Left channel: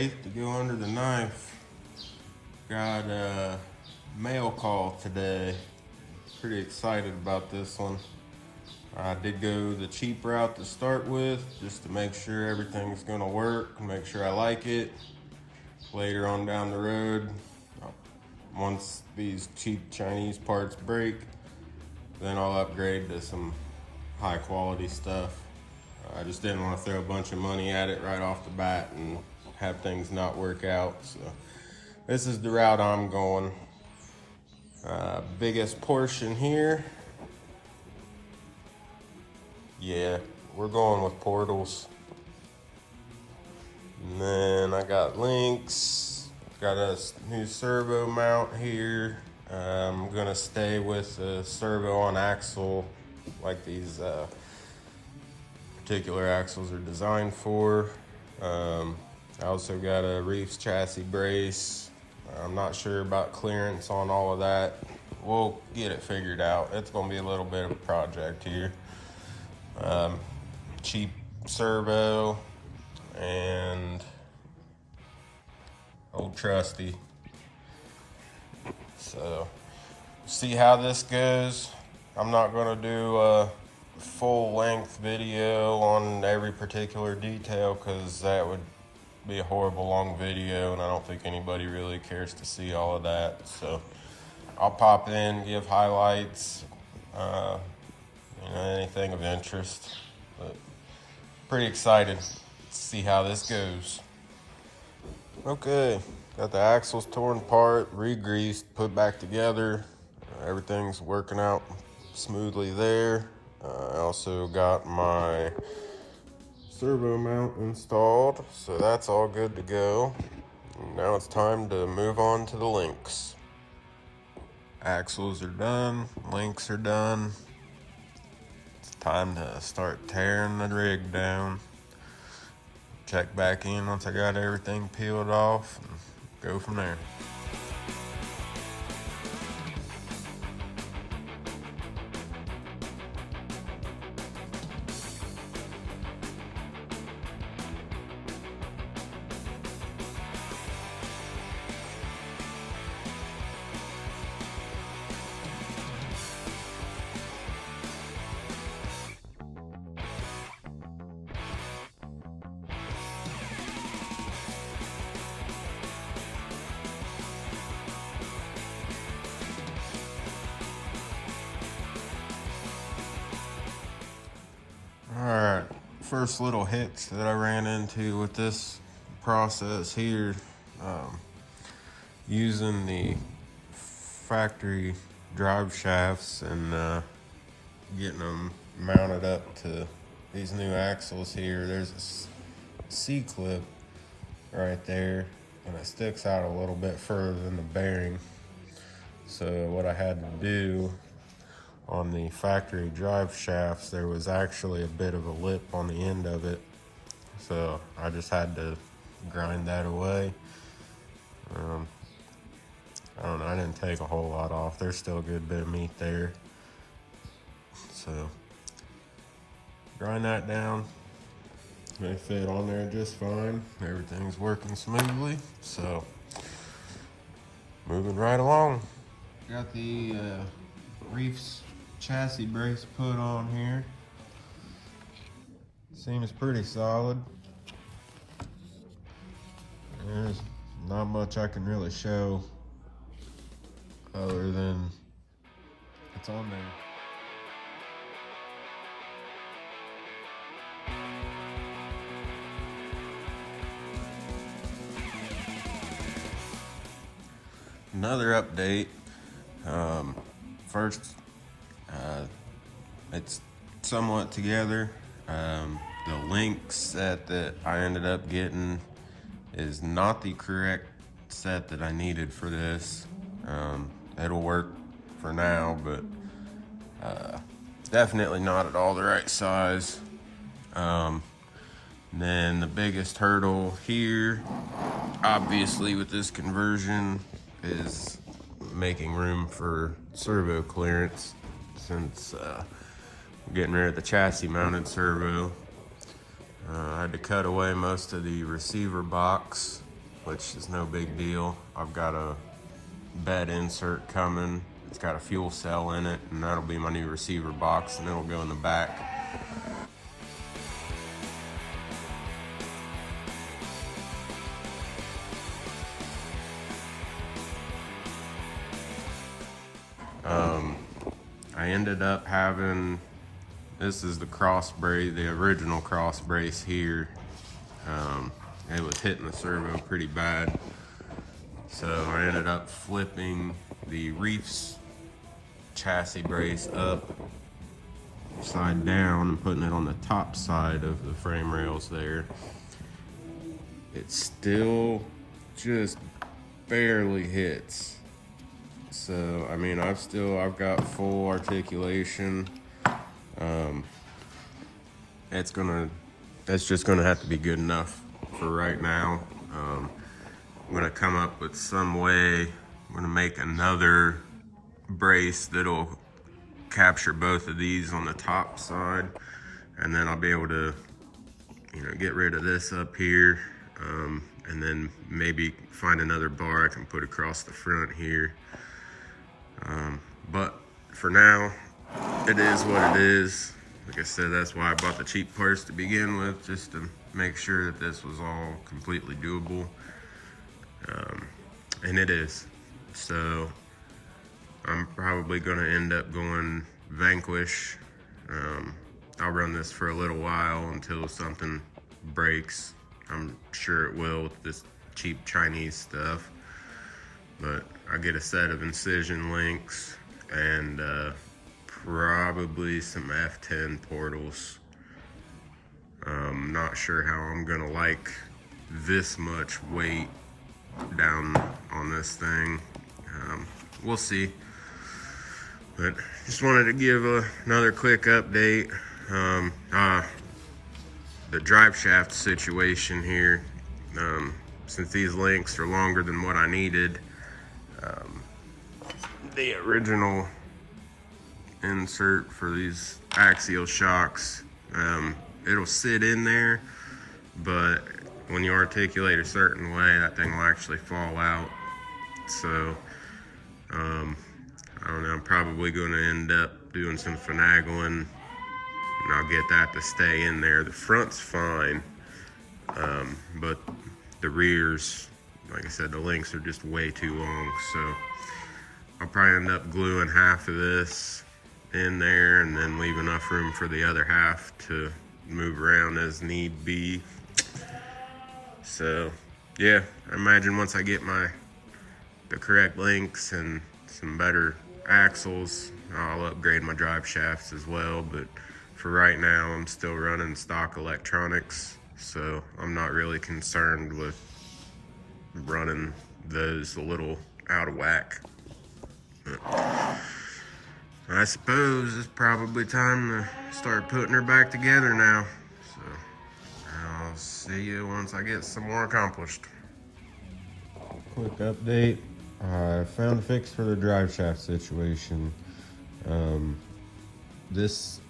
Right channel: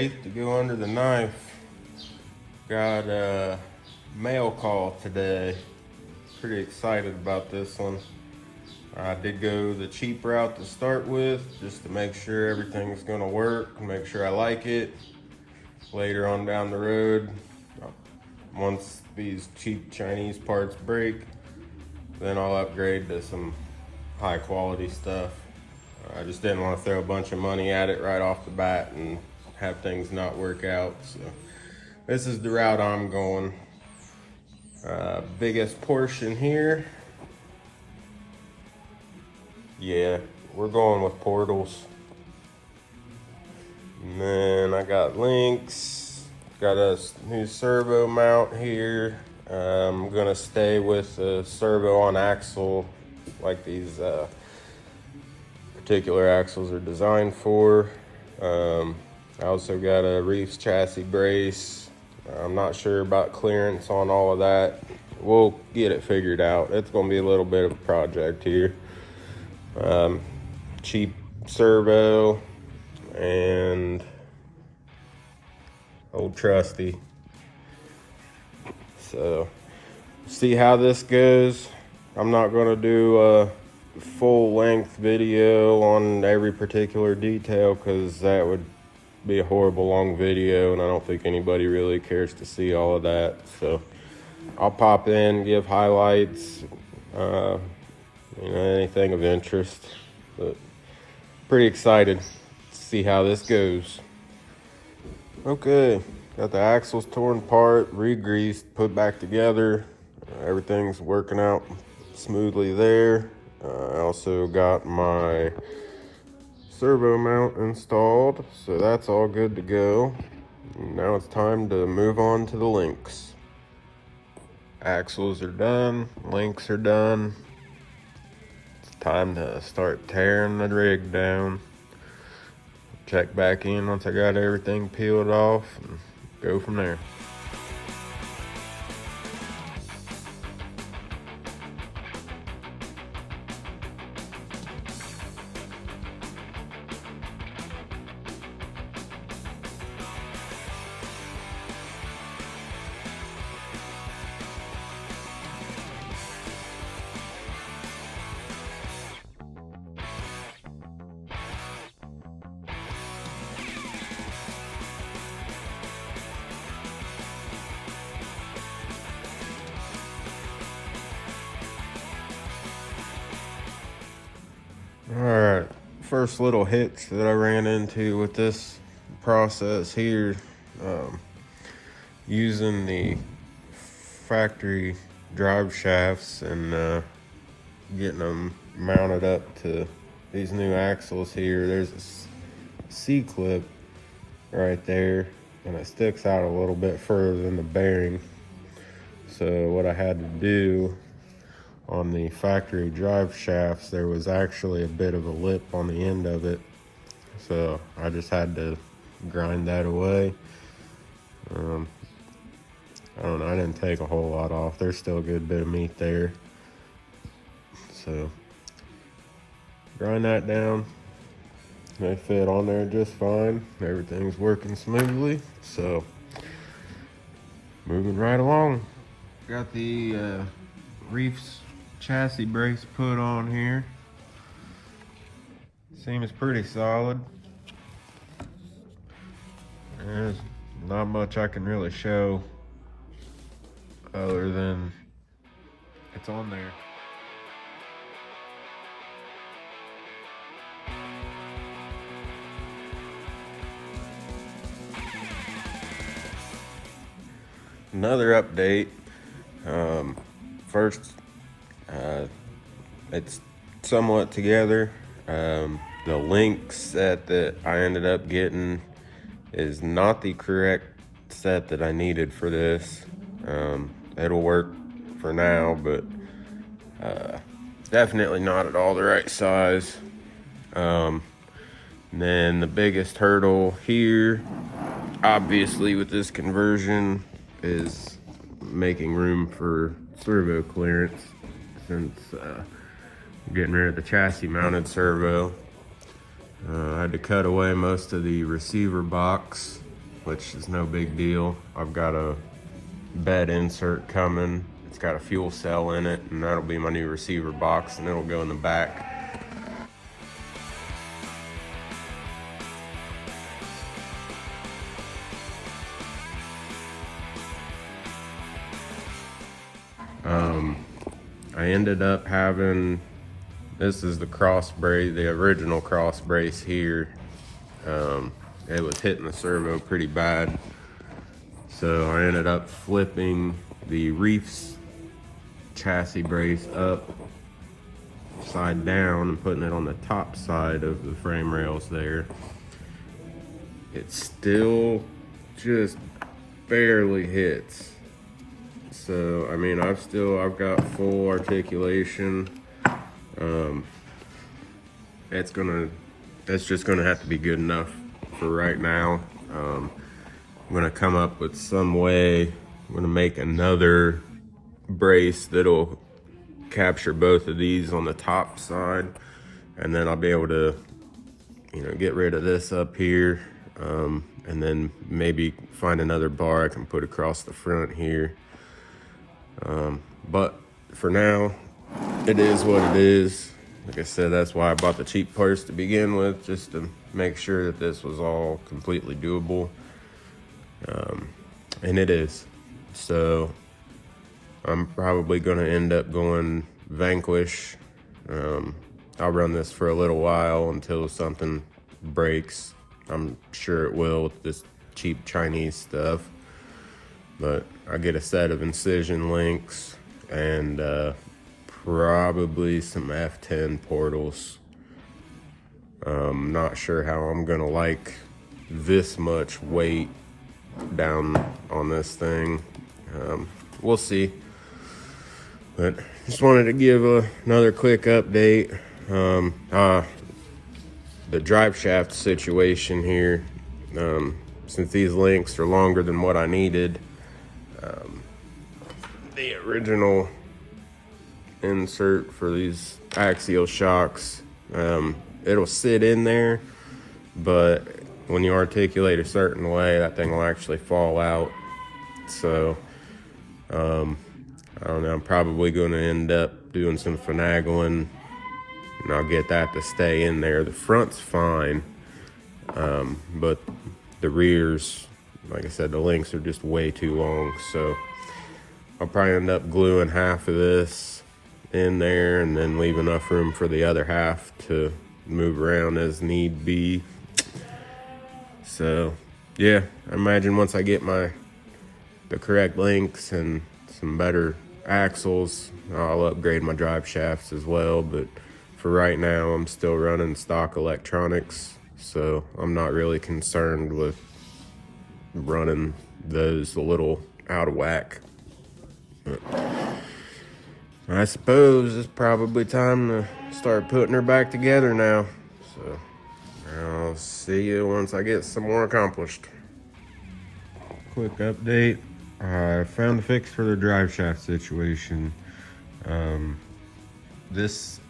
Wraith to go under the knife. Got a mail call today. Pretty excited about this one. I did go the cheap route to start with, just to make sure everything's gonna work, make sure I like it. Later on down the road, once these cheap Chinese parts break, then I'll upgrade to some high quality stuff. I just didn't want to throw a bunch of money at it right off the bat and have things not work out. So this is the route I'm going. Biggest portion here. Yeah, we're going with portals. And then I got links. Got a new servo mount here. I'm gonna stay with the servo on axle like these particular axles are designed for. I also got a Wraith chassis brace. I'm not sure about clearance on all of that. We'll get it figured out. It's gonna be a little bit of a project here. Cheap servo and old trusty. So see how this goes. I'm not gonna do a full length video on every particular detail because that would be a horrible long video and I don't think anybody really cares to see all of that. So I'll pop in, give highlights, anything of interest, but pretty excited to see how this goes. Okay, got the axles torn apart, re-greased, put back together. Everything's working out smoothly there. I also got my servo mount installed, so that's all good to go. Now it's time to move on to the links. Axles are done, links are done. It's time to start tearing the rig down. Check back in once I got everything peeled off and go from there. Alright, first little hitch that I ran into with this process here, using the factory drive shafts and getting them mounted up to these new axles here. There's a C-clip right there and it sticks out a little bit further than the bearing. So what I had to do on the factory drive shafts, there was actually a bit of a lip on the end of it. So I just had to grind that away. I don't know, I didn't take a whole lot off. There's still a good bit of meat there. So grind that down. They fit on there just fine. Everything's working smoothly. So moving right along. Got the Wraith's chassis brace put on here. Seems pretty solid. There's not much I can really show other than it's on there. Another update. First, it's somewhat together. The link set that I ended up getting is not the correct set that I needed for this. It'll work for now, but definitely not at all the right size. Then the biggest hurdle here, obviously with this conversion, is making room for servo clearance, since getting rid of the chassis mounted servo. I had to cut away most of the receiver box which is no big deal. I've got a bed insert coming. It's got a fuel cell in it, and that'll be my new receiver box, and it'll go in the back. I ended up having, this is the cross brace, the original cross brace here. It was hitting the servo pretty bad. So I ended up flipping the Wraith's chassis brace upside down and putting it on the top side of the frame rails there. It still just barely hits. So, I mean, I've got full articulation. It's just gonna have to be good enough for right now. I'm gonna come up with some way. I'm gonna make another brace that'll capture both of these on the top side, and then I'll be able to, get rid of this up here, and then maybe find another bar I can put across the front here. But for now, it is what it is. Like I said, that's why I bought the cheap parts to begin with, just to make sure that this was all completely doable. And it is. So I'm probably gonna end up going Vanquish. I'll run this for a little while until something breaks. I'm sure it will with this cheap Chinese stuff. But I get a set of incision links and probably some F10 portals. Not sure how I'm gonna like this much weight down on this thing. We'll see. But just wanted to give another quick update. The drive shaft situation here, since these links are longer than what I needed, the original insert for these axial shocks, it'll sit in there, but when you articulate a certain way, that thing will actually fall out. So I don't know, I'm probably going to end up doing some finagling, and I'll get that to stay in there. The front's fine, but the rears, like I said, the links are just way too long. So I'll probably end up gluing half of this in there and then leave enough room for the other half to move around as need be. So yeah, I imagine once I get the correct links and some better axles, I'll upgrade my drive shafts as well. But for right now, I'm still running stock electronics, so I'm not really concerned with running those a little out of whack. I suppose it's probably time to start putting her back together now. So I'll see you once I get some more accomplished. Quick update. I found the fix for the drive shaft situation. This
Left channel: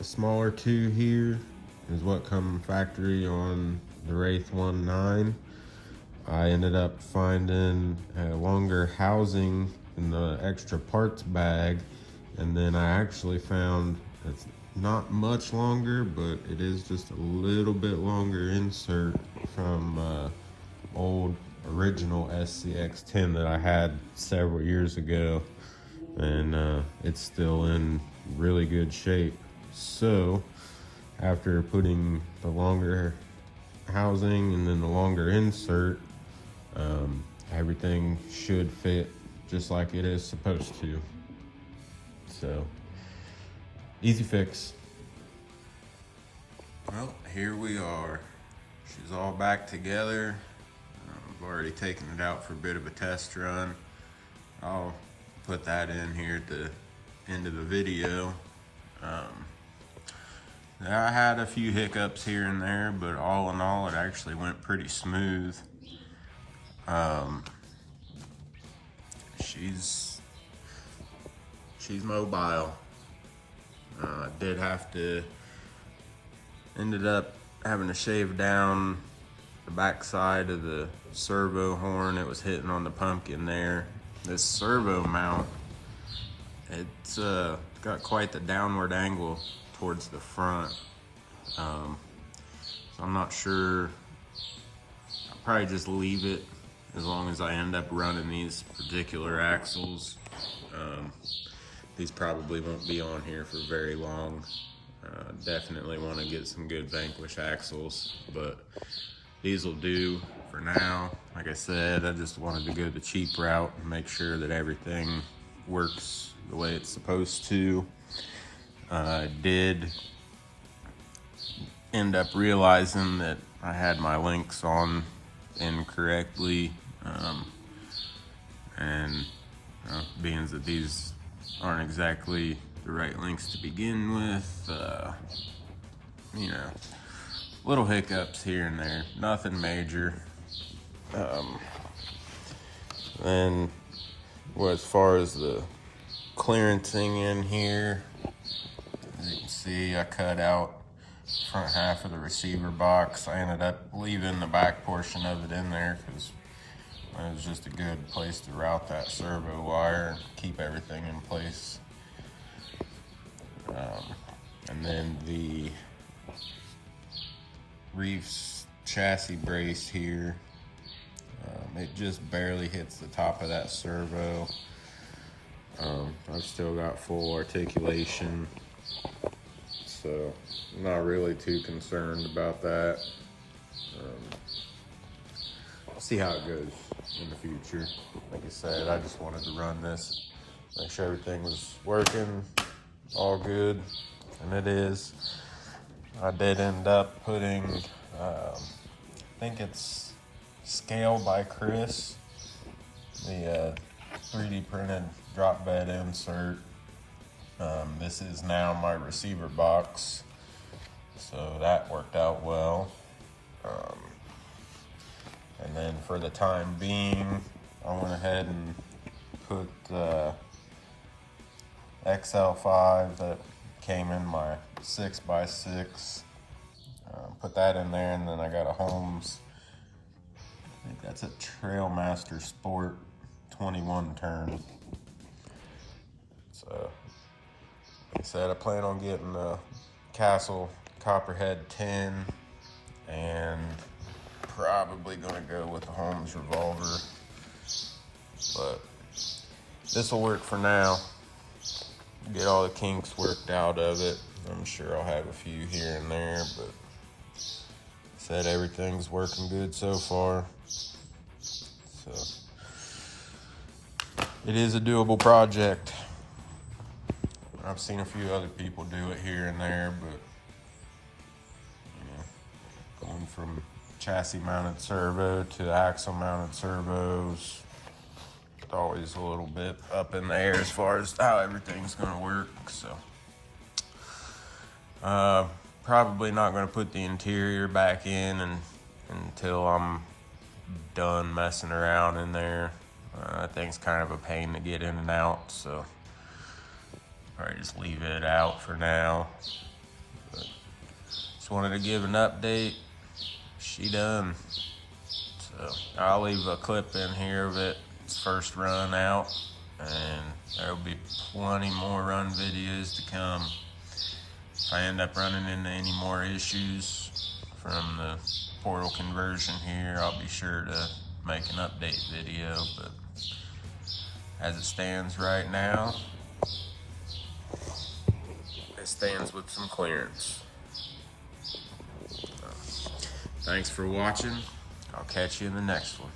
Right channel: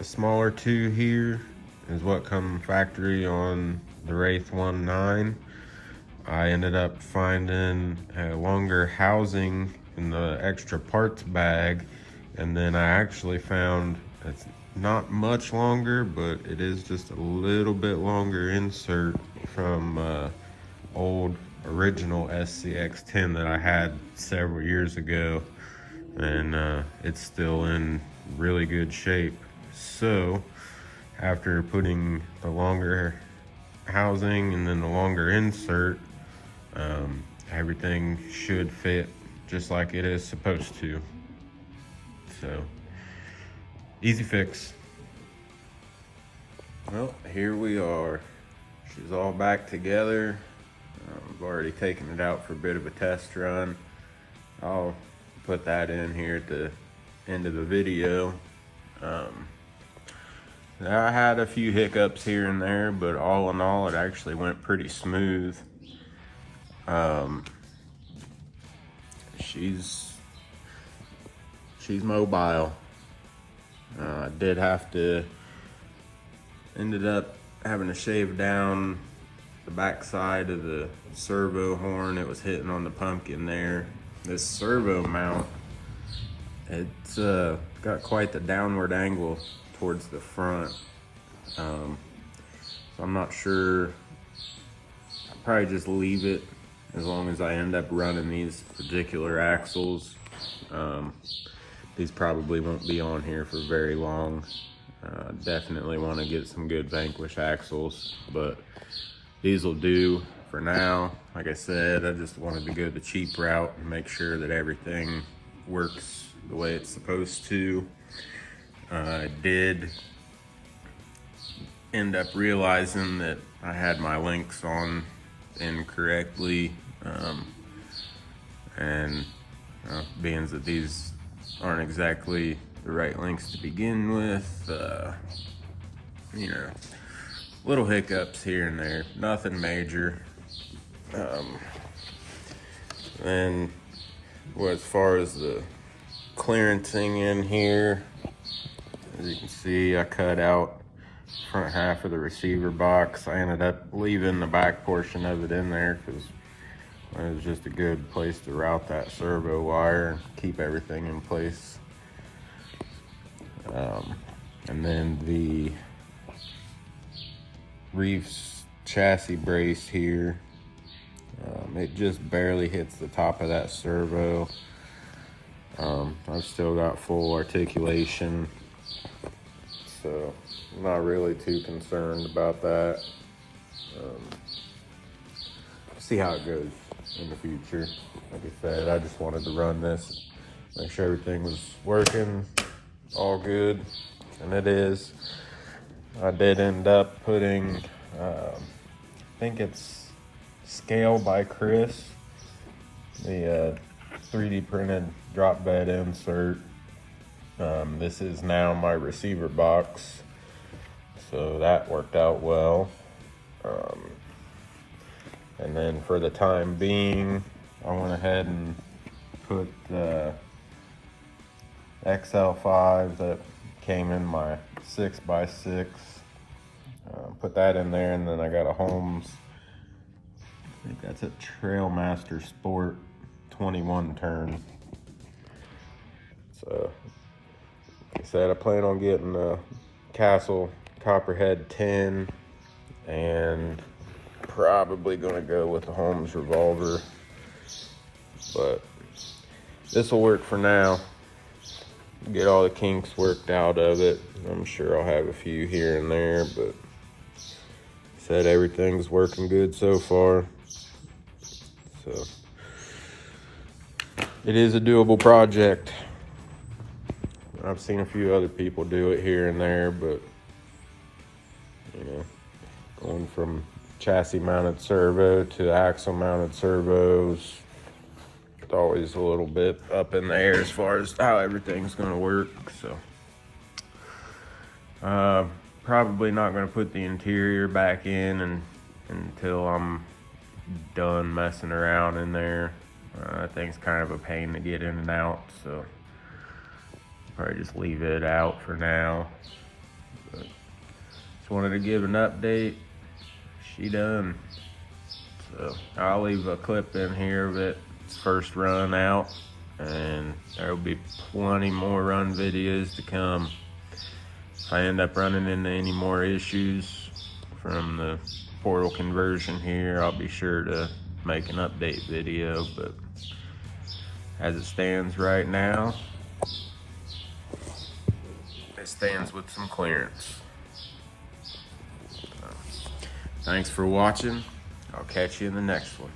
smaller two here is what come factory on the Wraith 1.9. I ended up finding a longer housing in the extra parts bag, and then I actually found, it's not much longer, but it is just a little bit longer insert from old original SCX10 that I had several years ago, and it's still in really good shape. So after putting the longer housing and then the longer insert, everything should fit just like it is supposed to. So easy fix. Well, here we are. She's all back together. I've already taken it out for a bit of a test run. I'll put that in here at the end of the video. I had a few hiccups here and there, but all in all, it actually went pretty smooth. She's mobile. Ended up having to shave down the back side of the servo horn. It was hitting on the pumpkin there. This servo mount, it's got quite the downward angle towards the front. So I'm not sure. I'll probably just leave it as long as I end up running these particular axles. These probably won't be on here for very long. Definitely want to get some good Vanquish axles, but these will do for now. Like I said, I just wanted to go the cheap route and make sure that everything works the way it's supposed to. I did end up realizing that I had my links on incorrectly, and being that these aren't exactly the right links to begin with, you know, little hiccups here and there, nothing major. Then, well, as far as the clearancing in here, as you can see, I cut out front half of the receiver box. I ended up leaving the back portion of it in there because it was just a good place to route that servo wire and keep everything in place. And then the Wraith's chassis brace here, it just barely hits the top of that servo. I've still got full articulation, so I'm not really too concerned about that. See how it goes in the future. Like I said, I just wanted to run this, make sure everything was working all good, and it is. I did end up putting, I think it's Scale by Chris, the 3D printed drop bed insert. This is now my receiver box, so that worked out well. And then for the time being, I went ahead and put XL5 that came in my 6x6. Put that in there, and then I got a Holmes, I think that's a Trailmaster Sport 21 turn. So, like I said, I plan on getting a Castle Copperhead 10, and probably gonna go with the Holmes revolver, but this will work for now. Get all the kinks worked out of it. I'm sure I'll have a few here and there, but said everything's working good so far. So it is a doable project. I've seen a few other people do it here and there, but you know, going from chassis mounted servo to axle mounted servos, it's always a little bit up in the air as far as how everything's gonna work. So probably not gonna put the interior back in until I'm done messing around in there. I think it's kind of a pain to get in and out, so probably just leave it out for now. But just wanted to give an update. She done. So I'll leave a clip in here of its first run out, and there'll be plenty more run videos to come. If I end up running into any more issues from the portal conversion here, I'll be sure to make an update video, but as it stands right now, it stands with some clearance. Thanks for watching. I'll catch you in the next one.